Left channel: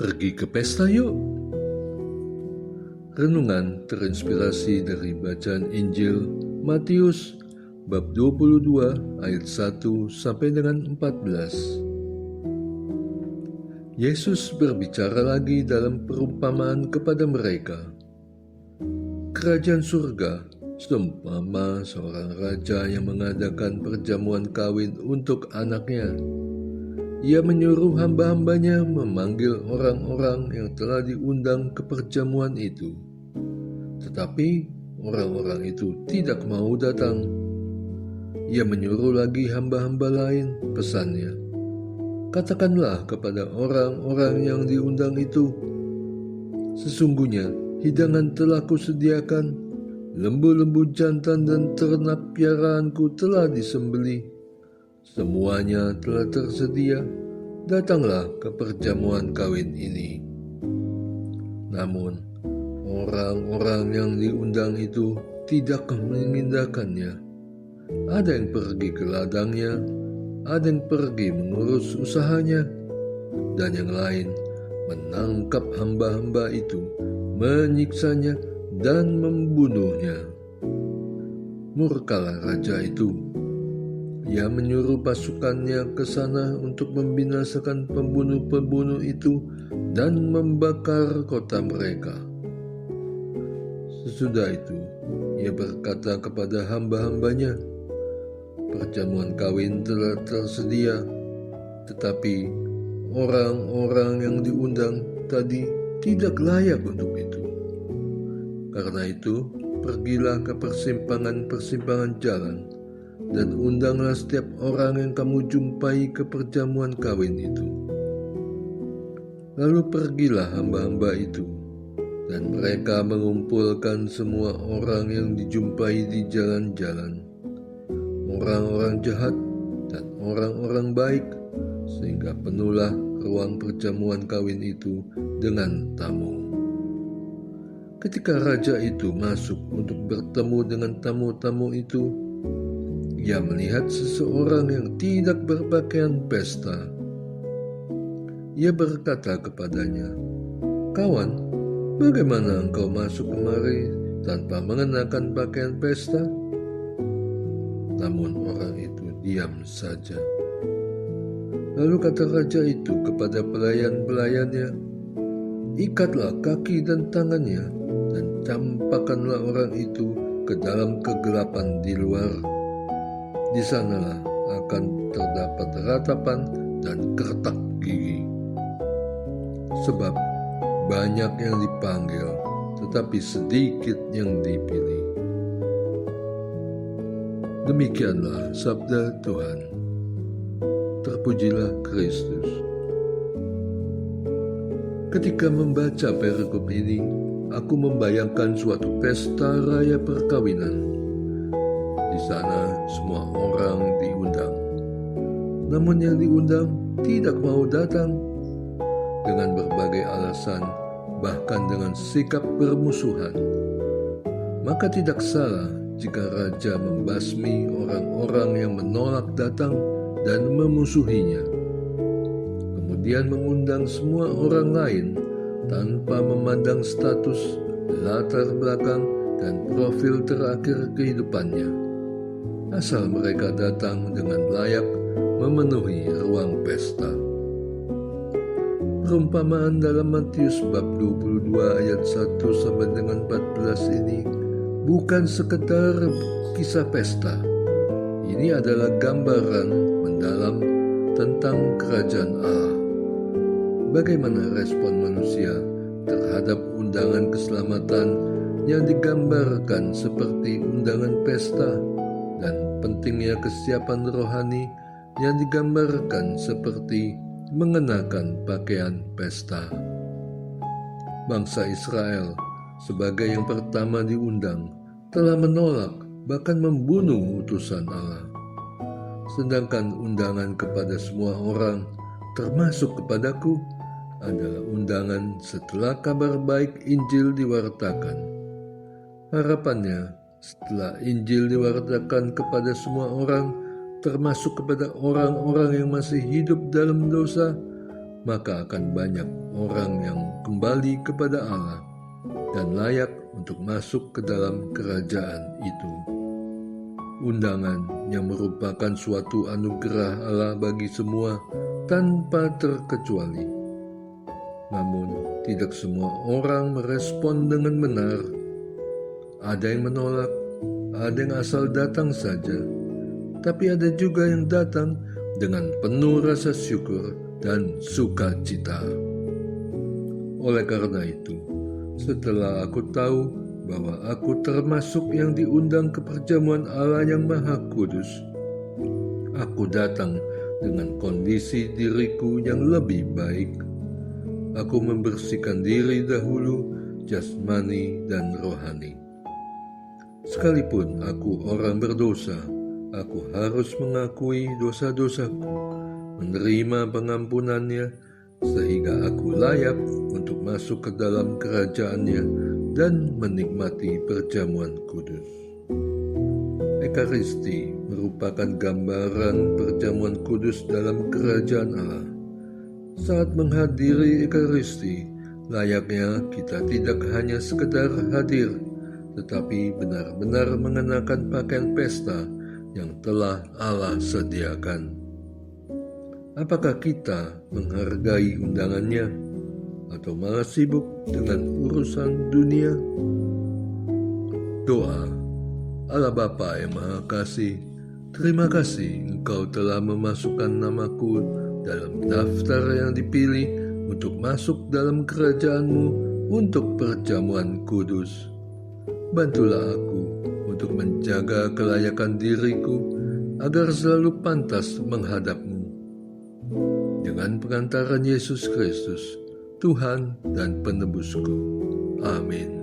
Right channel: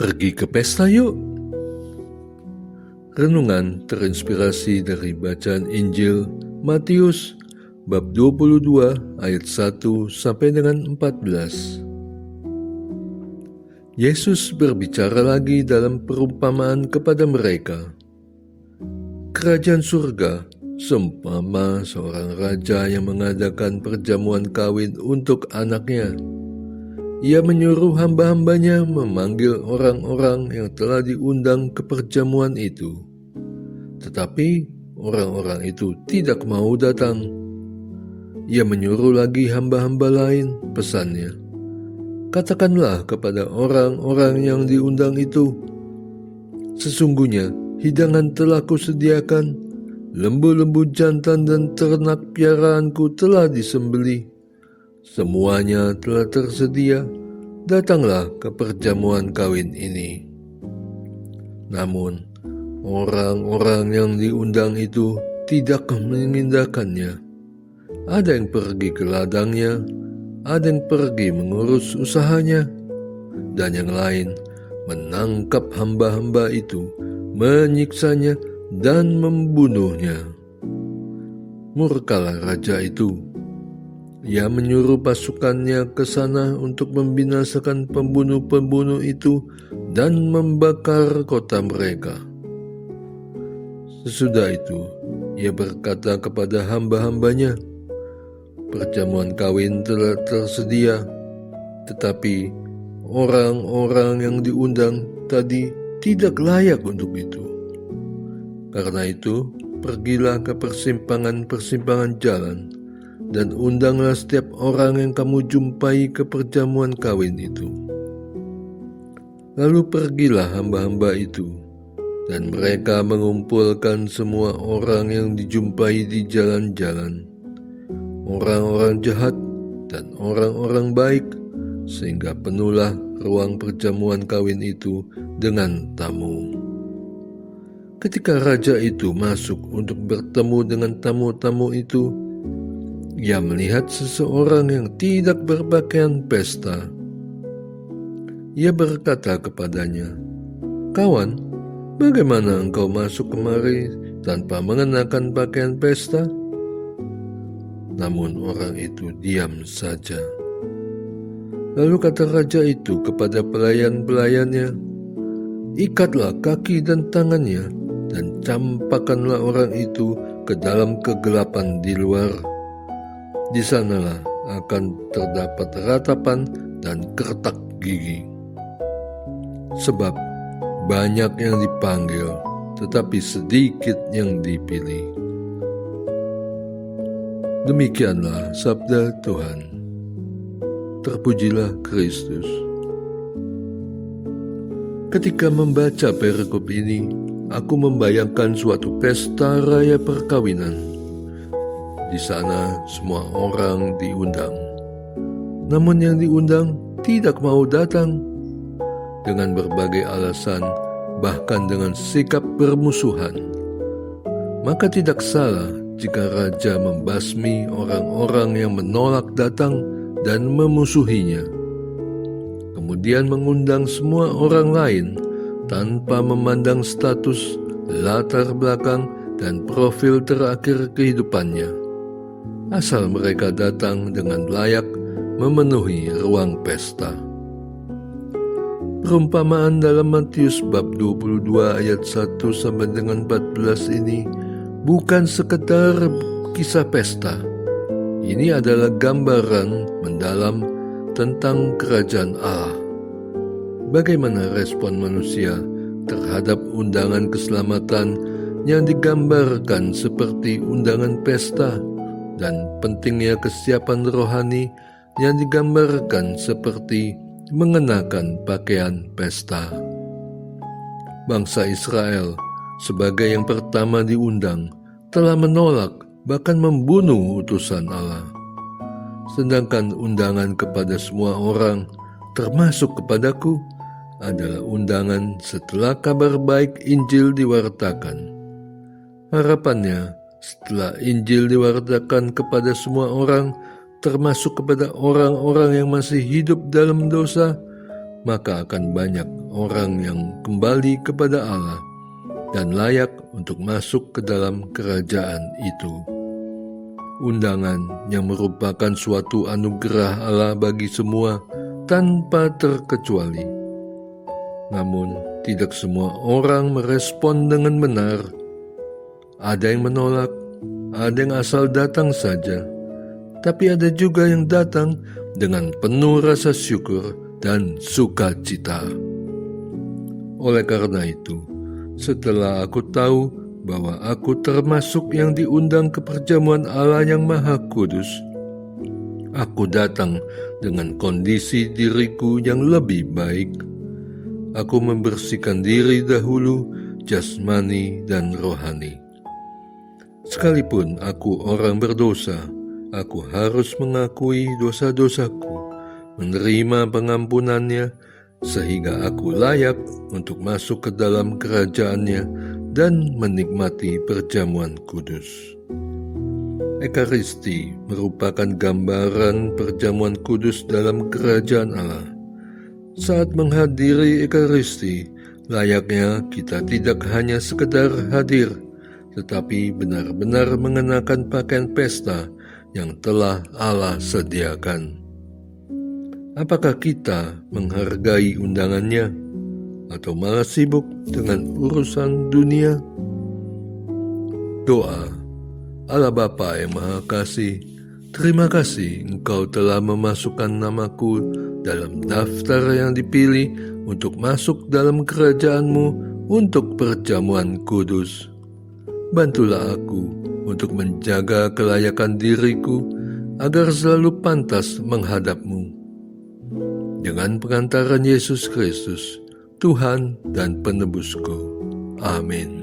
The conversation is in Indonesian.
Pergi ke pesta yuk. Renungan terinspirasi dari bacaan Injil Matius bab 22 ayat 1 sampai dengan 14. Yesus berbicara lagi dalam perumpamaan kepada mereka. Kerajaan surga seumpama seorang raja yang mengadakan perjamuan kawin untuk anaknya. Ia menyuruh hamba-hambanya memanggil orang-orang yang telah diundang ke perjamuan itu. Tetapi orang-orang itu tidak mau datang. Ia menyuruh lagi hamba-hamba lain, pesannya. Katakanlah kepada orang-orang yang diundang itu, sesungguhnya hidangan telah kusediakan, lembu-lembu jantan dan ternak piaraanku telah disembelih. Semuanya telah tersedia, datanglah ke perjamuan kawin ini. Namun, orang-orang yang diundang itu tidak mengindahkannya. Ada yang pergi ke ladangnya, ada yang pergi mengurus usahanya, dan yang lain menangkap hamba-hamba itu, menyiksanya, dan membunuhnya. Murkalah raja itu. Ia menyuruh pasukannya ke sana untuk membinasakan pembunuh-pembunuh itu dan membakar kota mereka. Sesudah itu, ia berkata kepada hamba-hambanya, perjamuan kawin telah tersedia, tetapi orang-orang yang diundang tadi tidak layak untuk itu. Karena itu, pergilah ke persimpangan-persimpangan jalan, dan undanglah setiap orang yang kamu jumpai ke perjamuan kawin itu. Lalu pergilah hamba-hamba itu, dan mereka mengumpulkan semua orang yang dijumpai di jalan-jalan, orang-orang jahat dan orang-orang baik, sehingga penuhlah ruang perjamuan kawin itu dengan tamu. Ketika raja itu masuk untuk bertemu dengan tamu-tamu itu, ia melihat seseorang yang tidak berpakaian pesta. Ia berkata kepadanya, "Kawan, bagaimana engkau masuk kemari tanpa mengenakan pakaian pesta?" Namun orang itu diam saja. Lalu kata raja itu kepada pelayan-pelayannya, "Ikatlah kaki dan tangannya dan campakkanlah orang itu ke dalam kegelapan di luar. Di sanalah akan terdapat ratapan dan kertak gigi. Sebab banyak yang dipanggil, tetapi sedikit yang dipilih." Demikianlah sabda Tuhan. Terpujilah Kristus. Ketika membaca perikop ini, aku membayangkan suatu pesta raya perkawinan. Di sana semua orang diundang. Namun yang diundang tidak mau datang dengan berbagai alasan, bahkan dengan sikap bermusuhan. Maka tidak salah jika raja membasmi orang-orang yang menolak datang dan memusuhinya. Kemudian mengundang semua orang lain tanpa memandang status, latar belakang, dan profil terakhir kehidupannya. Asal mereka datang dengan layak memenuhi ruang pesta. Perumpamaan dalam Matius bab 22 ayat 1 sampai dengan 14 ini bukan sekedar kisah pesta. Ini adalah gambaran mendalam tentang kerajaan Allah. Bagaimana respon manusia terhadap undangan keselamatan yang digambarkan seperti undangan pesta, dan pentingnya kesiapan rohani yang digambarkan seperti mengenakan pakaian pesta. Bangsa Israel sebagai yang pertama diundang telah menolak bahkan membunuh utusan Allah. Sedangkan undangan kepada semua orang, termasuk kepadaku, adalah undangan setelah kabar baik Injil diwartakan. Harapannya, setelah Injil diwartakan kepada semua orang, termasuk kepada orang-orang yang masih hidup dalam dosa, maka akan banyak orang yang kembali kepada Allah dan layak untuk masuk ke dalam kerajaan itu. Undangan yang merupakan suatu anugerah Allah bagi semua tanpa terkecuali. Namun, tidak semua orang merespon dengan benar. Ada yang menolak, ada yang asal datang saja, tapi ada juga yang datang dengan penuh rasa syukur dan sukacita. Oleh karena itu, setelah aku tahu bahwa aku termasuk yang diundang ke perjamuan Allah yang Maha Kudus, aku datang dengan kondisi diriku yang lebih baik. Aku membersihkan diri dahulu, jasmani dan rohani. Sekalipun aku orang berdosa, aku harus mengakui dosa-dosaku, menerima pengampunannya, sehingga aku layak untuk masuk ke dalam kerajaan-Nya dan menikmati perjamuan kudus. Ekaristi merupakan gambaran perjamuan kudus dalam kerajaan Allah. Saat menghadiri Ekaristi, layaknya kita tidak hanya sekedar hadir, tetapi benar-benar mengenakan pakaian pesta yang telah Allah sediakan. Apakah kita menghargai undangannya atau malah sibuk dengan urusan dunia? Doa. Allah Bapa yang Maha Kasih, terima kasih Engkau telah memasukkan namaku dalam daftar yang dipilih untuk masuk dalam kerajaan-Mu untuk perjamuan kudus. Bantulah aku untuk menjaga kelayakan diriku agar selalu pantas menghadap-Mu. Dengan pengantaran Yesus Kristus, Tuhan dan Penebusku. Amin.